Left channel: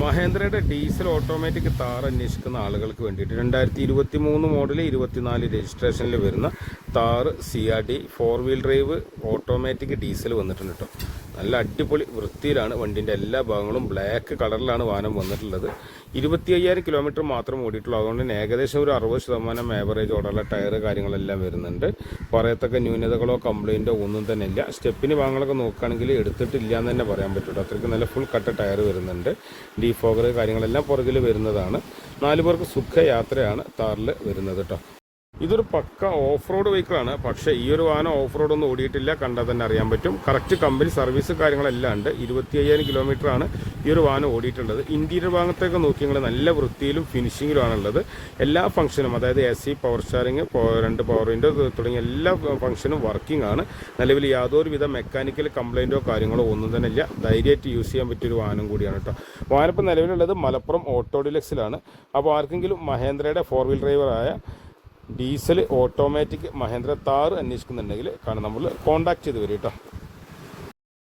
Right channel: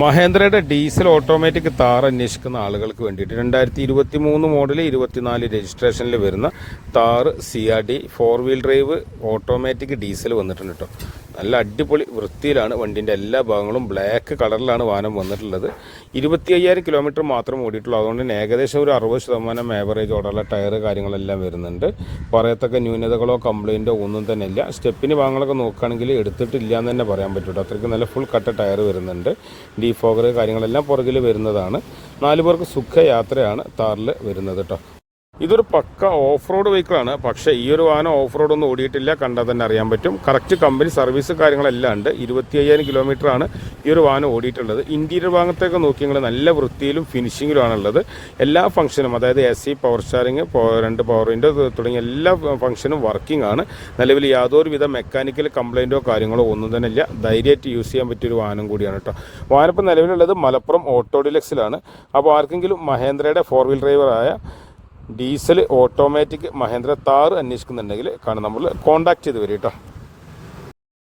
മഹേന്ദ്രയുടെ diesel automatic Thar അന്വേഷിക്കുന്ന ആളുകൾക്ക് വേണ്ടിയിട്ട് രണ്ടായിരത്തി ഇരുപത്തി മൂന്ന് മോഡൽ ഇരുപത്തിനാല് രജിസ്ട്രേഷനിൽ വരുന്ന Thar C R D four wheel drive automatic diesel വന്നിട്ടുണ്ട് കേട്ടോ നല്ല അടിപൊളി വൃത്തിയിലാണ് വണ്ടിന്റെ എല്ലാ ഭാഗങ്ങളും ബ്ലാക്ക് കളറിലാണ് വാഹനം വന്നിട്ടുള്ളത്. ഇരുപത്തി അയ്യായിരം കിലോമീറ്റർ മാത്രം ഓടിയിട്ടുള്ളൂ. അതുകൊണ്ട് തന്നെ ഏകദേശം ഒരു അറുപത് ശതമാനം ആവറേജ് ഓടാനുള്ള ടയർ കാര്യങ്ങളെല്ലാം വരുന്നുണ്ട്. പറയത്തക്ക ന്യൂനതകളോ കംപ്ലൈന്റോ ഒന്നും തന്നെ ഇല്ല. സ്റ്റെപ്പിന് ഭാഗങ്ങളൊക്കെ നോക്കുകയാണെങ്കിൽ എടുത്തിട്ടില്ല എന്ന് തന്നെ പറയാൻ പറ്റുള്ളൂ അത്രയ്ക്ക് നല്ല ഫുൾ കട്ട ടയർ വരുന്നുണ്ട്. ഡീഫോഗർ കാര്യങ്ങളെല്ലാം പുറകിൽ വരുന്നതാണ്. നാല് പേർക്ക് സുഖയാത്രയാണ് താറിൽ വരുന്നത് കേട്ടോ ഇതൊരു പക്ക ഓഫ് റോഡ് വെഹിക്കിളാണ്. പക്ഷേ ഈ ഒരു വാഹനം ഓഫ് റോഡ് ഒന്നും ഓടിയിട്ടില്ല. കണ്ടാൽ തന്നെ അറിയാൻ പറ്റും. കറക്റ്റ് കമ്പനി സർവീസ് കാര്യങ്ങളെല്ലാം ഉണ്ട്. ഇരുപത്തി അയ്യായിരം കിലോമീറ്റർ ആണ് ഈ ഒരു വാഹനം ഓടിയിട്ടുള്ളത്. ഇന്റീരിയർ ഭാഗത്തേക്ക് നോക്കിയെങ്കിൽ നല്ല വൃത്തിയിലും ഫിനിഷിങ്ങിലുമാണുള്ളത് എല്ലാ ഫംഗ്ഷനും അതായത് എ സി പവർ സ്റ്റാറിങ് രണ്ട് പവർ വിൻഡോ തുടങ്ങിയ എല്ലാ ഫംഗ്ഷനും വർക്കിംഗ് ആണ്. നിലവിൽ യാതൊരുവിധ മെക്കാനിക്കൽ കംപ്ലൈന്റോ കാര്യങ്ങളോ ഒന്നും തന്നെ ഇല്ല. ധൈര്യമായിട്ട് യൂസ് ചെയ്യാൻ പറ്റിയ ഒരു വാഹനം കൂടിയാണ് കേട്ടോ. വാഹനം ഇപ്പം നിലവിലുള്ളത് മലപ്പുറം ഓട്ടോ ഡിലക്സിലാണ് അപ്പോൾ ആർക്കെങ്കിലും മഹേന്ദ്രയുടെ ഫോർ വീൽ ഡ്രൈവറായ ഡീസൽ ഓട്ടോമാറ്റിക് മഹേന്ദ്ര താർ അന്വേഷിക്കുന്നുണ്ടെങ്കിൽ കാണാം നമ്മൾ കോൺടാക്ട് ചെയ്ത് വരും കേട്ടോ.